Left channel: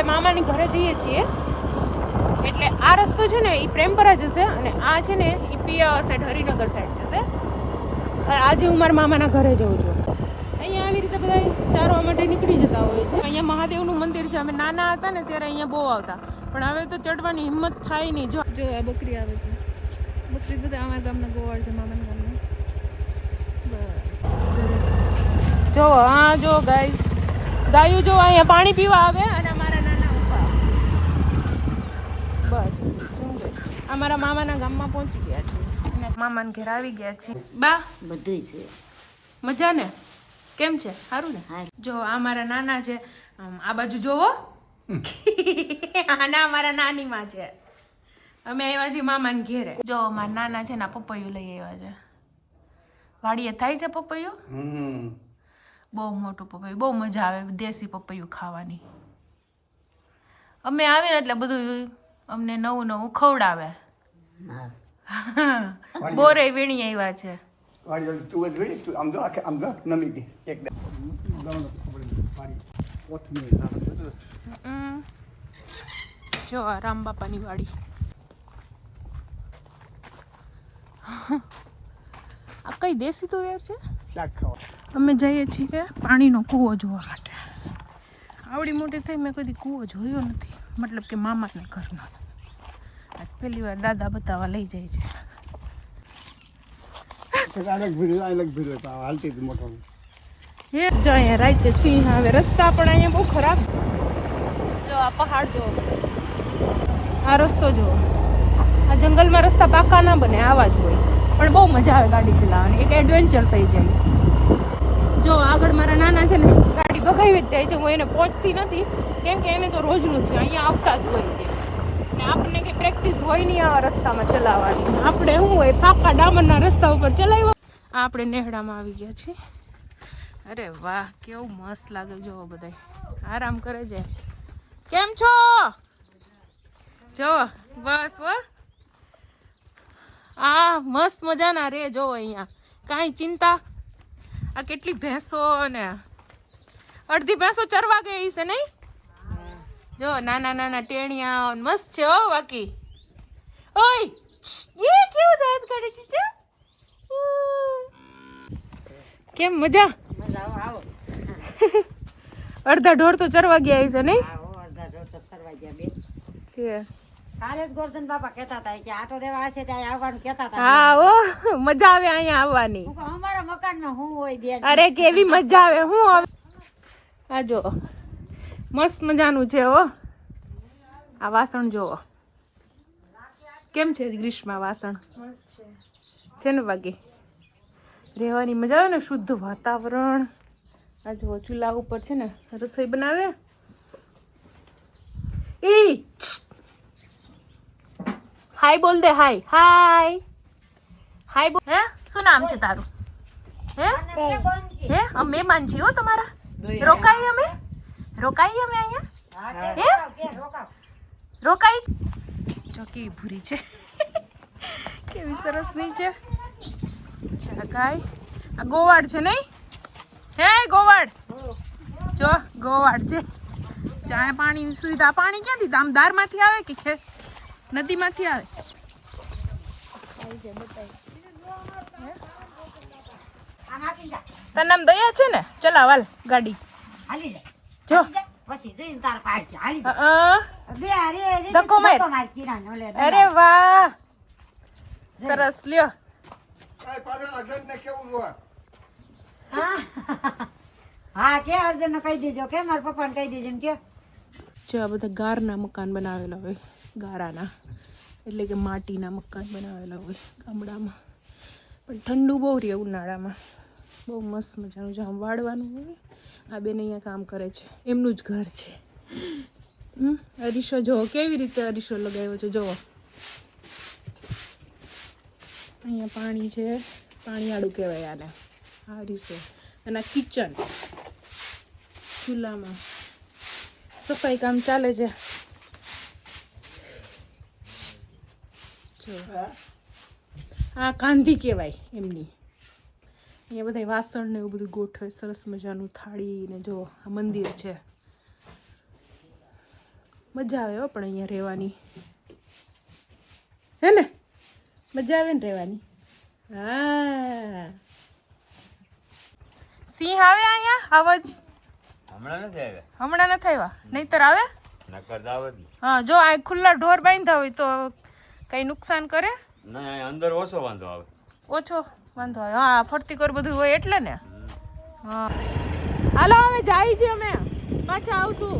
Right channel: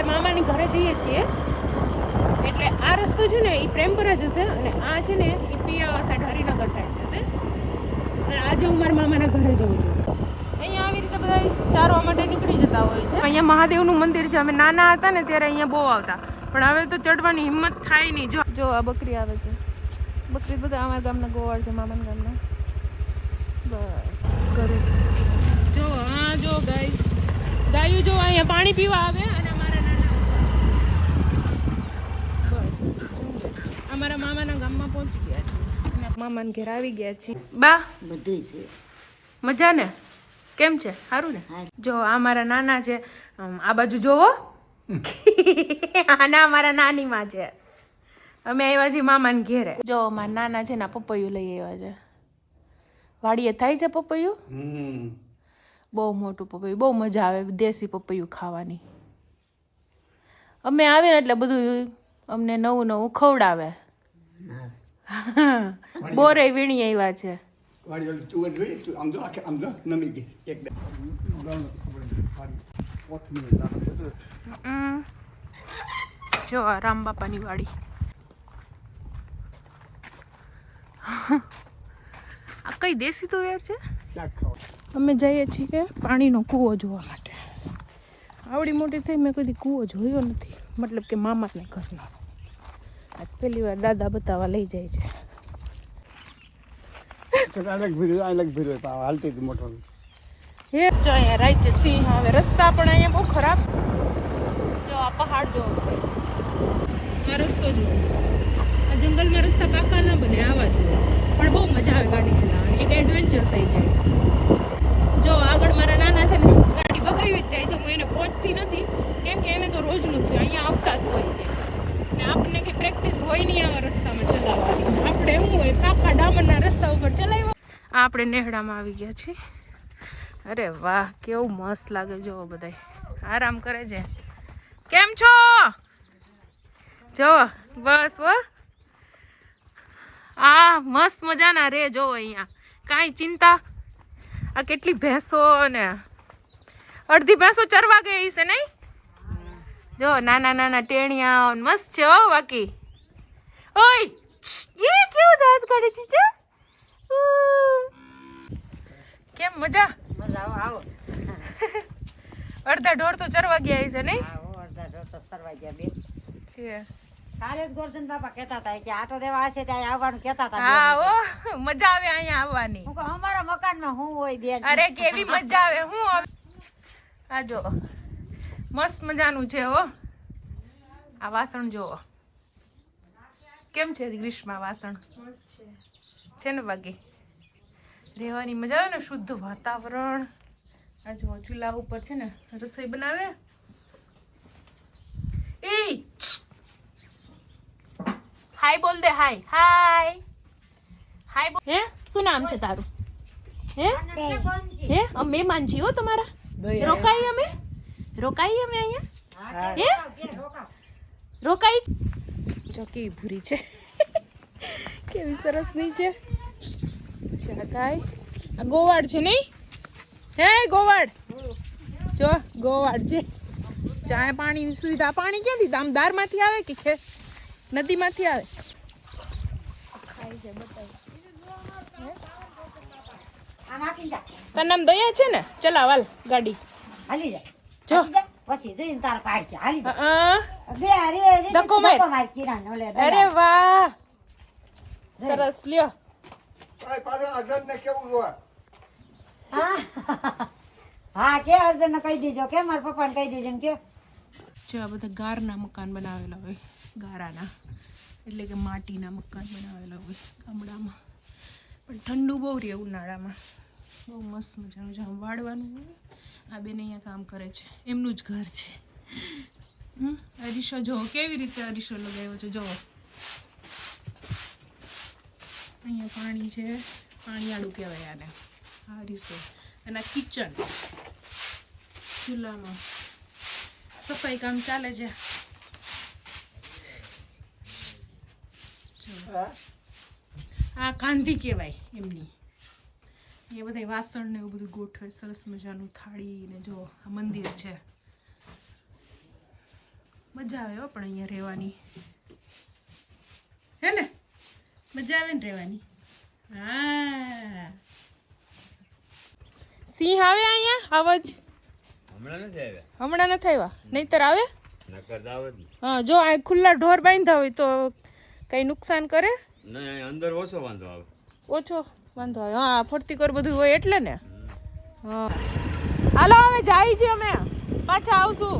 આપણે મામાની ઘરે જઈએ છીએ એટલે આ રસ્તો છે ને એ પ્રેમપરા જશે અને આ છે ને એ પિયા સાઈડ હરિનગર સાઈડ જશે. અને આજે હું મારા મામાના ઘરે જઉં છું. અહીંયા આવી રીતે બધા ચારવા માટે નીકળી જતા હોય છે. અહીંયા મહાદેવનું મંદિર છે. અમે નાના હતા ને ત્યારે અહીંયા બહુ આવતા, પણ હવે તો ચડવાની હિંમત થાય નહીં. જો આ બકરી આવે છે. બકરી બધા અમારા ગામના ગોવાળ છે, મામાના ગામના ગોવાળ. જો હા જો ગાયું જો અહીંયા પાણી પીવા આવે અને અમારા નાના બસ અમારા મામાના ગામમાં પહોંચી ગયા છે અને મામાના ઘેર આવી ગયા છે. બા બધું છે મજા ને? કેમ છે? સારું ને? જો આ મારા નાના છે. આ બાજુ જોવો આના અમારા નાની માં છે. અમે આવ્યા છીએ મામાના ઘેરે. જો અમારા નાના છે ને પપૈયું લઈ આવ્યા છે. વાડીએ થાય છે પપૈયું, બહુ મોટું પપૈયું, બહુ મજા આવે દેશી પપૈયું ખાવાની. અમે આવીએ ને એટલે બધું અમને નવું નવું ખવડાવે. બોરે વીણી આવ્યા છે. જો આ રામ બાપાની વાડી. આ કઈ દેશી તો યાર છે. અમે જઈએ છીએ પાણીનો કૂવો જોવા માટે. આવડી મોટી થઈ મેં કદી કૂવો જોયો નથી, મતલબ કે મામાના ઘરનો. પહેલી વાર દાદા બતાવવા લઈ જાય છે. સિંહ આવે. રસ્તા પણ અહીંયા બહુ ખરાબ. જો આ પહાડ જો, આ રસ્તો જો. આ જંગલમાં રસ્તા પાકા ના બને, આવા જ હોય, પણ બહુ મજા આવે ગાડી ચલાવવાની. એક એડવેન્ચર થઈ જાય. જો આગળ મારા નાના છે ને ગાડી બગાવી જ જાય છે. હું એને પહોંચતી નથી કેમ કે એને તો રોજનું છે, અહીંયા આવતા જ હોય છે. ને આપણને કંઈ પ્રેક્ટિસ હોય નહીં આવા રસ્તામાં ચલાવવાની. આપણે શું હોય પાકા ડામરના રસ્તા ઉપર ચલાવ્યો. આપણે નેહડામાં આવી ગયા છીએ. અરે વાહ કેવું મસ્ત લાગે. જો બધા આરામ કરે છે. કેમ છો? જો બસ હો. આ મસ્ત મજાના રે. જો અહીંયા કાંઈ ચિંતા. આ કેટલી ભેંસો ને અડધી ભેંસો ચરવા ગઈ છે નહીં? જો નાના નાના ટેણિયા મસ્ત છે હો. બાકી ઓય એ કેવું દાંત કાઢે છે. કેમ મજા? અડધા ઢોર તો ચરવા ગયા છે નહીં? કાલે જ ગોરધન બાપા કહેતા હતા કે આટો દેવા હશે ત્યાં આવવાનું કહેતા હતા. હા ઓ મજા આવે અહીંયા આવવાની. અમારા મકાનમાં હું હોય બેન. અરે કેવી મજા આવે. હું આ જો મસ્ત મજાનું છે હો. આ વાસણ જુઓ કેમ છે ગ્રીષ્મા વાસણ. છે ને બાકી રહેવાની મજા આવે ને, શુદ્ધ વાતાવરણ. આ જુઓ ચૂલા ઉપર છે ને રસોઈ બનાવે. એ હાય બોલ દે. હાય હાય હાય બોલ. હે શું નામ છે તારું? હે મહેમાન છીએ હો તમારા. રોકાઈ અમે અહીંયા. હે રોકાઈ. જો કેવી ભૂરી છે, કેવી સરસ ની છે. ગાય આ ગોવાડ છે નહીં? હે ગોવાડ જો ગોવાડ છે. ચાય પાણીની સુવિધા. પાણી ક્યાંથી? દામદાર માંથી આવે કે નદીમાંથી આવે? તારું નામ દયા છે ને? ચલાવાલ ગાડી હાલી જા. જો પછી જઈને તાર પાડશે. હાલી જા. અરે વાહ સરસ લ્યો. હા કે અર્જુન ને કહી દેજો કે મારા પપ્પા ને કહી દેજો ને કે. જો આ બધા ગારના મકાન બનાવેલા હોય. ગારાના એટલે કે માટીના મકાન બનાવેલા હોય ગામડામાં. પણ ઠંડુ બહુ રહે ઉનાળામાં. બહુ મસ્ત મજાનું જામ વાળવાનું હોય. આ બેન અહીંયા કામ કરે છે. એમનું જ ઘર છે. અરીસો જુઓ કેવી રીતે અરીસો લગાવ્યો છે. જુઓ અહીંયા પાણી છે. પાણીવાળું કહેવાય આને. આ અરીસો અને આ કિચન. ચૂલામાં સફાઈ કામ ચાલે છે. આ કાંધી કહેવાય એમની. અહીંયા બધા વાસણ ને એવું બધું ગોઠવે સરસ મજાનું. થાળી ને જો આ મંદિર છે. મજા આવે હો પણ અહીંયા રહેવાની, હે ને? મજા આવે ને રહેવાની. હા, સિંહ આવે અહીંયા? આવાજ હમણાં નથી આવ્યા, હમણાં નથી આવ્યા, નહીતર આવે. નકર દાવત હા, જો આ ખુલ્લા ઢોર બાંધ્યા હોય તો કઈ નુકસાન કરે? નહીં, અંદર ઓછો વાંધો આવે. ઓછો વાંધો હોય. હા, ફરતી કર બધું હોય એટલે ને. હા, હાલો હવે જાય છે, અમે પાછા આવશું.